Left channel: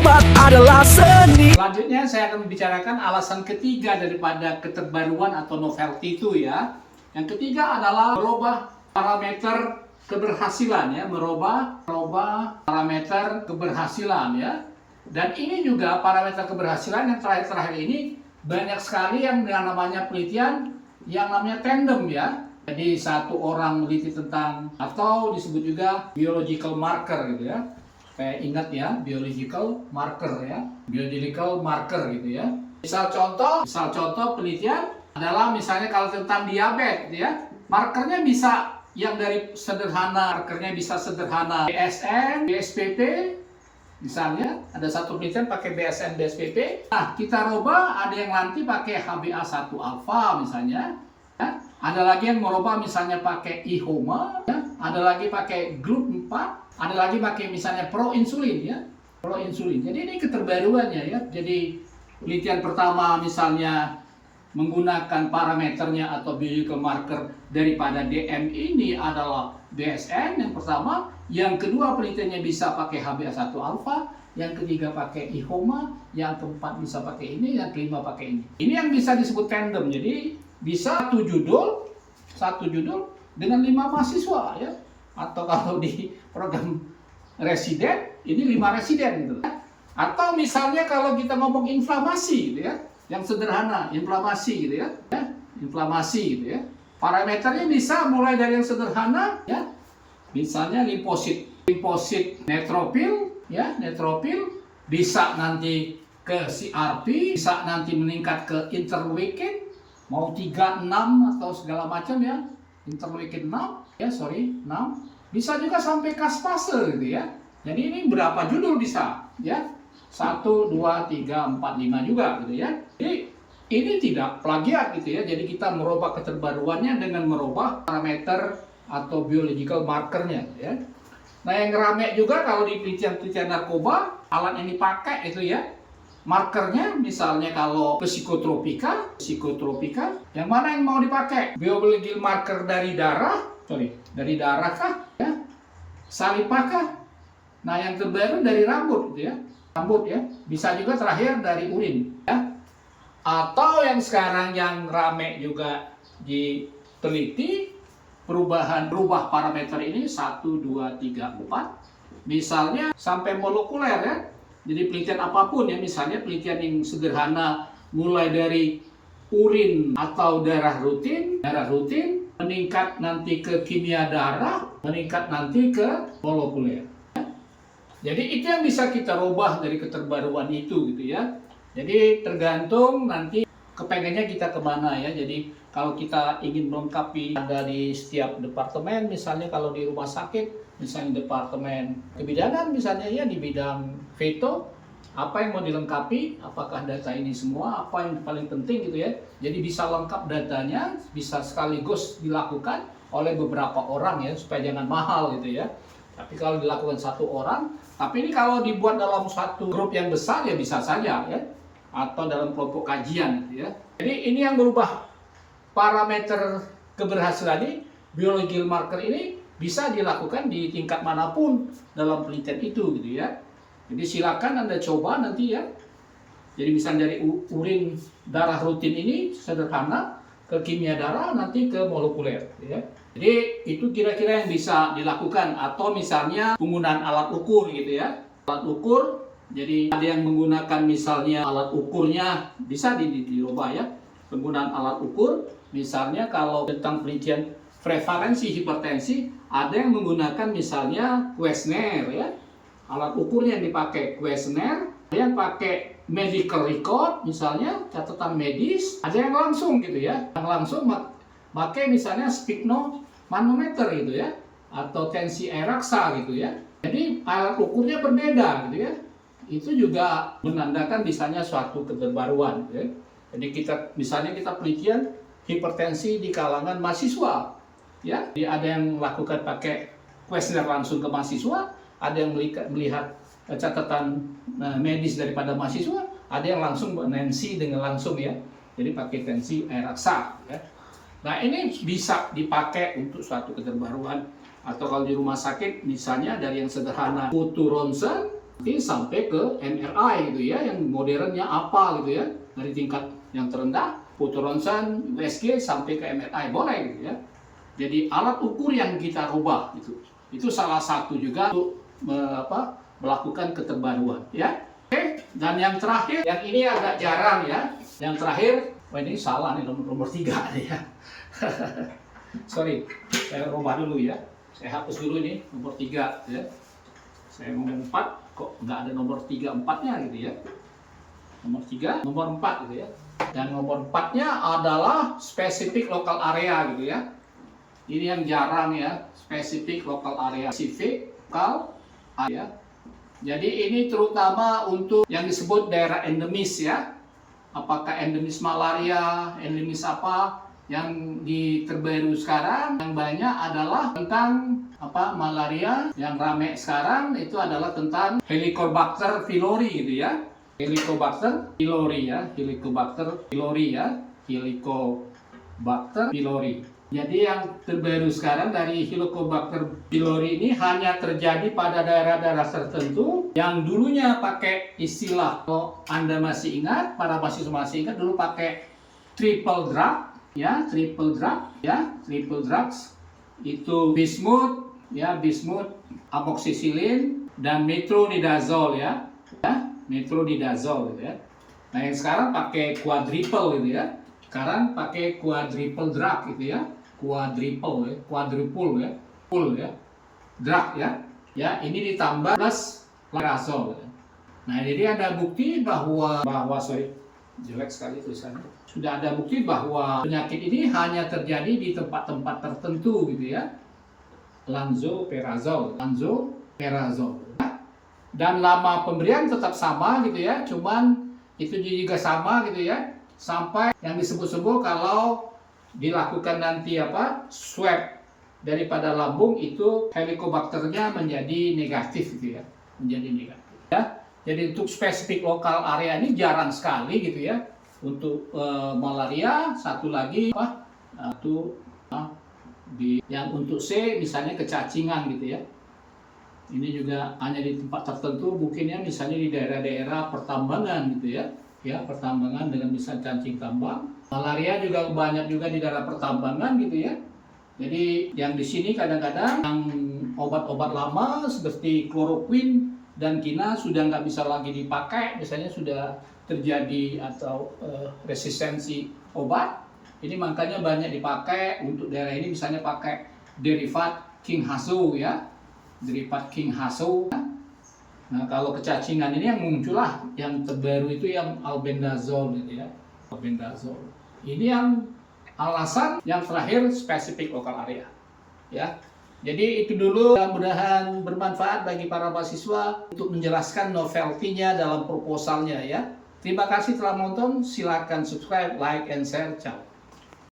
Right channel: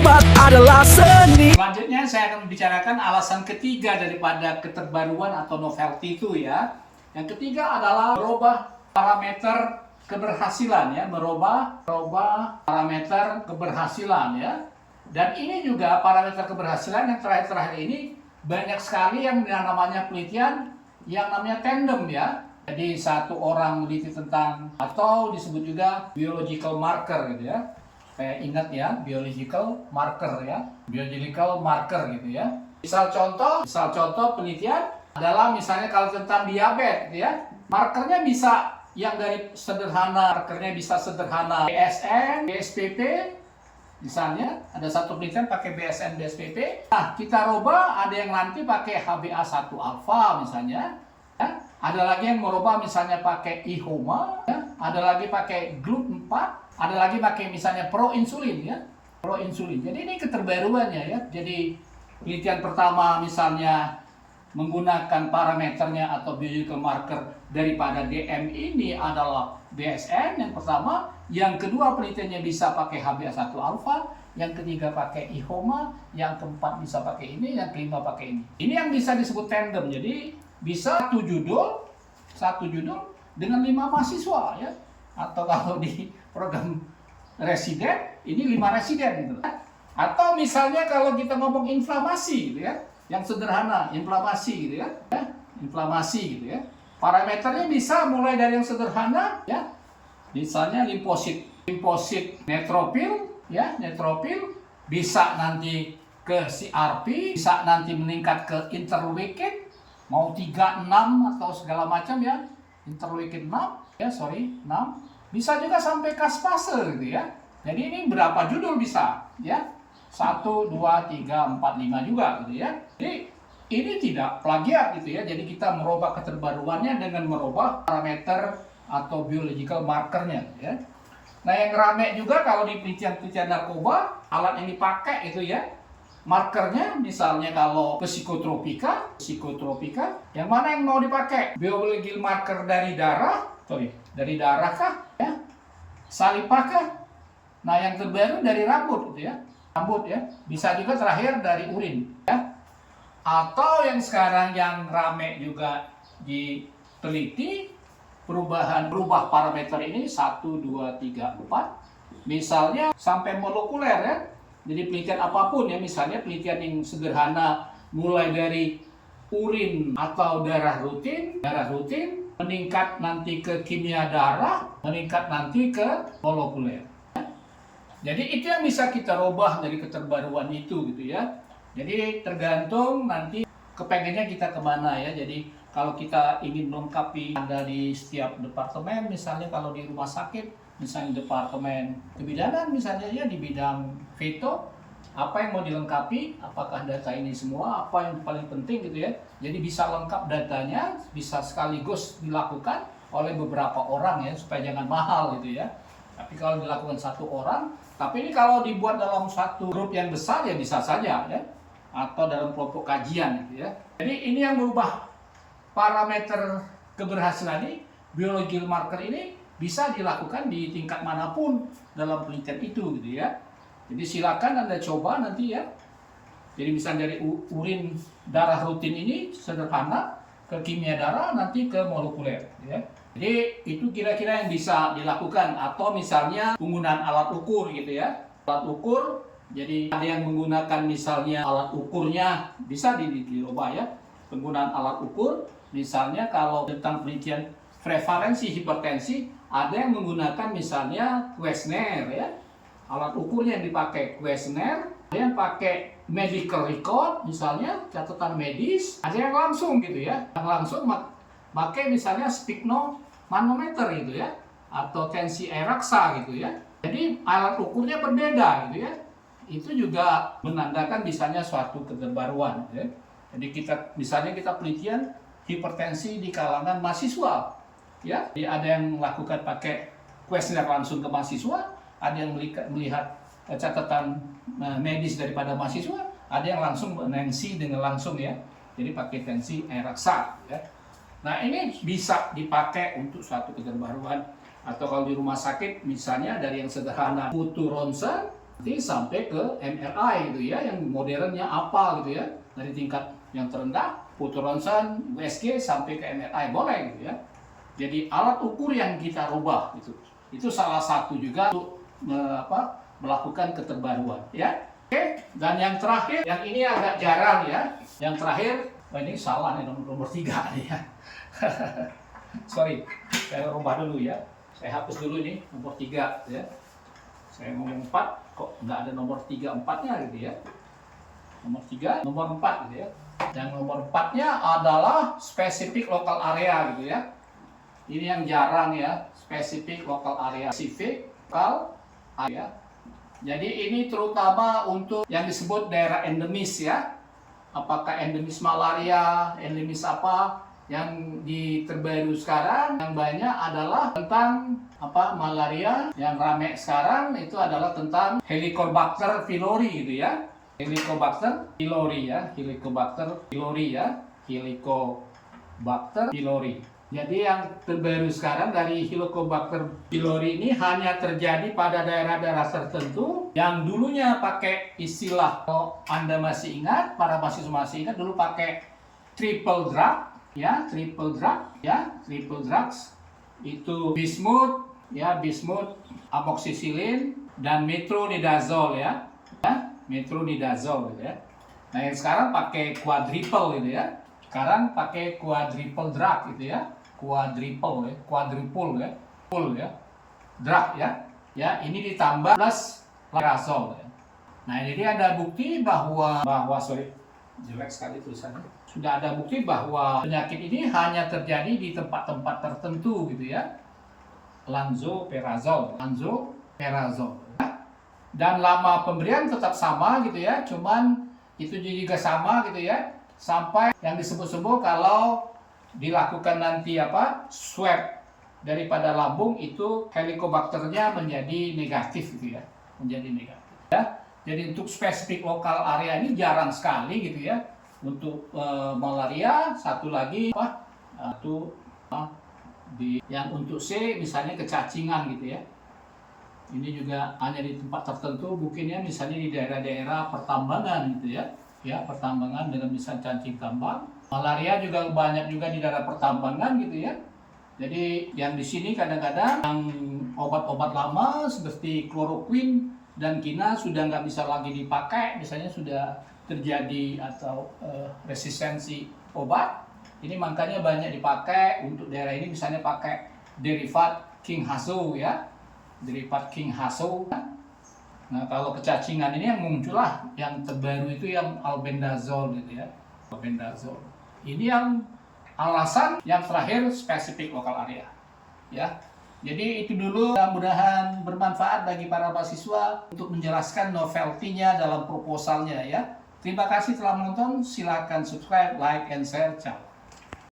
obat adalah seni. Selanjutnya saya akan membicarakan alasan ketiga daripada keterbaruan atau novelty itu ya. Yang ketiga adalah merubah parameter keberhasilan ya, merubah parameter keberhasilan ya. Dan ini juga parameter keberhasilan yang terakhir ini banyak sekali yang namanya penelitian yang namanya tandem ya. Jadi satu orang meneliti tentang atau disebut juga biological marker gitu ya. Saya ingat ya, biological marker ya, biological marker gitu ya. Misal contoh penelitian adalah misalnya kalau tentang diabetes gitu ya, markernya bisa yang dari sederhana, markernya bisa sederhana BSN, BSPP, misalnya ada satu penelitian pakai BSN, BSPP. Nah kita rubah, ada yang nanti pakai HbA1 alfa misalnya, ya. Ada lagi yang merubah misalnya pakai IHOMA, ya. Ada lagi pakai GLUT4. Ada lagi pakai misalnya proinsulin ya, proinsulin. Jadi ini keterbaruannya ya. Jadi penelitian pertama misalnya menggunakan parameternya atau biological marker daripada DM ini adalah BSN yang pertama, yang kedua penelitiannya bisa pakai HbA1 alfa, yang ketiga pakai IHOMA, yang keempat bisa pakai ini, yang kelima pakai ini. Ini yang bisa disebut tandem. Jadi bisa satu judul dengan 5 mahasiswa ya. Atau kalau di program residen, ini 5 residen gitu. Atau misalnya kalau kita ngomong inflamasi gitu ya, yang sederhana, inflamasi gitu ya, inflamasi gitu ya. Parameternya bisa mulai dari yang sederhana ya, misalnya limfosit neutropil ya, neutropil bisa nanti ke CRP, bisa nanti meningkat ke interleukin, mau 3, 6 atau segala macam ya, interleukin 6 ya, 6. Bisa juga sampai kaspase gitu ya. Jadi ini berapa judul bisa ya? 1, 2, 3, 4, 5 juga gitu ya. Jadi ini tidak plagiat gitu ya. Jadi kita merubah keterbaruannya dengan merubah parameter atau biological markernya gitu ya. Nah yang rame juga kalau di penelitian narkoba, alat yang dipakai itu ya, markernya misalnya kalau psikotropika, yang mana yang mau dipakai? Biological marker dari darah kah? Ya? Saliva kah? Nah yang terbaru dari rambut gitu ya. Rambut ya. Bisa juga terakhir dari urin ya. Atau yang sekarang yang rame juga diteliti, berubah parameter ini 1, 2, 3, 4. Misalnya sampai molekuler ya. Jadi penelitian apapun ya, misalnya penelitian yang sederhana mulai dari urin atau darah rutin, meningkat nanti ke kimia darah, meningkat nanti ke molekuler. Jadi itu yang bisa kita rubah dari keterbaruan itu gitu ya. Jadi tergantung nanti kepengennya kita kemana ya. Jadi kalau kita ingin melengkapi ada di setiap departemen, misalnya kalau di rumah sakit, misalnya departemen kebidanan misalnya ya di bidang veto, apa yang mau dilengkapi, apakah data ini semua, apa yang paling penting gitu ya. Jadi bisa lengkap datanya, bisa sekaligus dilakukan oleh beberapa orang ya, supaya jangan mahal gitu ya. Tapi kalau dilakukan satu orang, tapi ini kalau dibuat dalam satu grup yang besar ya bisa saja ya, atau dalam kelompok kajian gitu ya. Jadi ini yang berubah parameter keberhasilan ini, biological marker ini bisa dilakukan di tingkat manapun dalam penelitian itu gitu ya. Jadi silakan Anda coba nanti ya. Jadi misalnya dari urin darah rutin ini sederhana ke kimia darah nanti ke molekuler ya. Jadi itu kira-kira yang bisa dilakukan, atau misalnya penggunaan alat ukur gitu ya. Alat ukur, jadi ada yang menggunakan misalnya alat ukurnya bisa dirubah ya. Penggunaan alat ukur misalnya kalau tentang penelitian prevalensi hipertensi ada yang menggunakan misalnya kuesioner ya. Alat ukurnya yang dipakai kuesioner, ada yang pakai medical record misalnya catatan medis, ada yang langsung gitu ya, yang langsung pakai misalnya sphygmomanometer gitu ya, atau tensi air raksa gitu ya. Jadi alat ukurnya berbeda gitu ya. Itu juga menandakan misalnya suatu keterbaruan gitu ya. Jadi misalnya kita penelitian hipertensi di kalangan mahasiswa ya. Jadi ada yang melakukan pakai kuesioner langsung ke mahasiswa, ada yang melihat catatan medis daripada mahasiswa, ada yang langsung tensi dengan langsung ya. Jadi pakai tensi air raksa ya. Nah ini bisa dipakai untuk suatu keterbaruan. Atau kalau di rumah sakit misalnya dari yang sederhana foto ronsen nanti sampai ke MRI gitu ya, yang modernnya apa gitu ya, dari tingkat yang terendah foto ronsen, USG sampai ke MRI boleh gitu ya. Jadi alat ukur yang kita rubah itu salah satu juga untuk melakukan keterbaruan ya. Oke, dan yang terakhir, yang ini agak jarang ya. Yang terakhir, wah ini salah nih nomor 3 nih ya. Sorry, saya rubah dulu ya. Saya hapus dulu ini nomor 3 ya. Saya ngomong 4, kok nggak ada nomor 3 4-nya gitu ya. Nomor 3, nomor 4 gitu ya. Yang nomor 4-nya adalah spesifik lokal area gitu ya. Ini yang jarang ya, spesifik lokal area, spesifik lokal area. Jadi ini terutama untuk yang disebut daerah endemis ya. Apakah endemis malaria, endemis apa? Yang terbaru sekarang yang banyak adalah tentang malaria. Yang ramai sekarang itu adalah tentang Helicobacter pylori gitu ya. Helicobacter pylori ya, Helicobacter pylori ya, Helicobacter pylori. Jadi yang terbaru sekarang dari Helicobacter pylori ini hanya terjadi pada daerah-daerah tertentu yang dulunya pakai istilah, kalau Anda masih ingat, para mahasiswa masih ingat, dulu pakai triple drug ya, triple drugs itu bismuth ya, bismuth, amoxicillin dan metronidazole ya, metronidazole gitu ya. Nah yang sekarang pakai quadruple gitu ya. Sekarang pakai quadruple drug gitu ya. Quadruple ya, full ya, drug ya. Ya, ini ditambah plus lerazole ya. Nah, jadi ada bukti bahwa jelek sekali tulisannya. Sudah ada bukti bahwa penyakit ini hanya terjadi di tempat-tempat tertentu gitu ya. Lansoprazole ya. Dan lama pemberian tetap sama gitu ya, cuman itu juga sama gitu ya, sampai yang disebut-sebut kalau dilakukan nanti swab daripada lambung itu helicobacternya menjadi negatif gitu ya, menjadi negatif ya. Jadi untuk spesifik lokal area ini jarang sekali gitu ya. Untuk malaria satu lagi yang untuk C misalnya kecacingan gitu ya. Ini juga hanya di tempat tertentu, mungkin ya, misalnya di daerah-daerah pertambangan gitu ya. Ya, pertambangan dengan misalnya cacing tambang. Malaria juga banyak juga di daerah pertambangan gitu ya. Jadi yang di sini kadang-kadang yang obat-obat lama seperti kloroquine dan kina sudah nggak bisa lagi dipakai, misalnya sudah terjadi atau resistensi obat. Ini makanya banyak dipakai untuk daerah ini, misalnya pakai derivat King Haso ya, derivat King Haso. Nah kalau kecacingan ini yang muncullah yang terbaru itu yang albendazole gitu ya, albendazole. Ini yang alasan yang terakhir spesifik lokal area ya. Jadi itu dulu, mudah-mudahan bermanfaat bagi para mahasiswa untuk menjelaskan novelty-nya dalam proposalnya ya. Terima kasih telah menonton, silakan subscribe, like, and share. Ciao.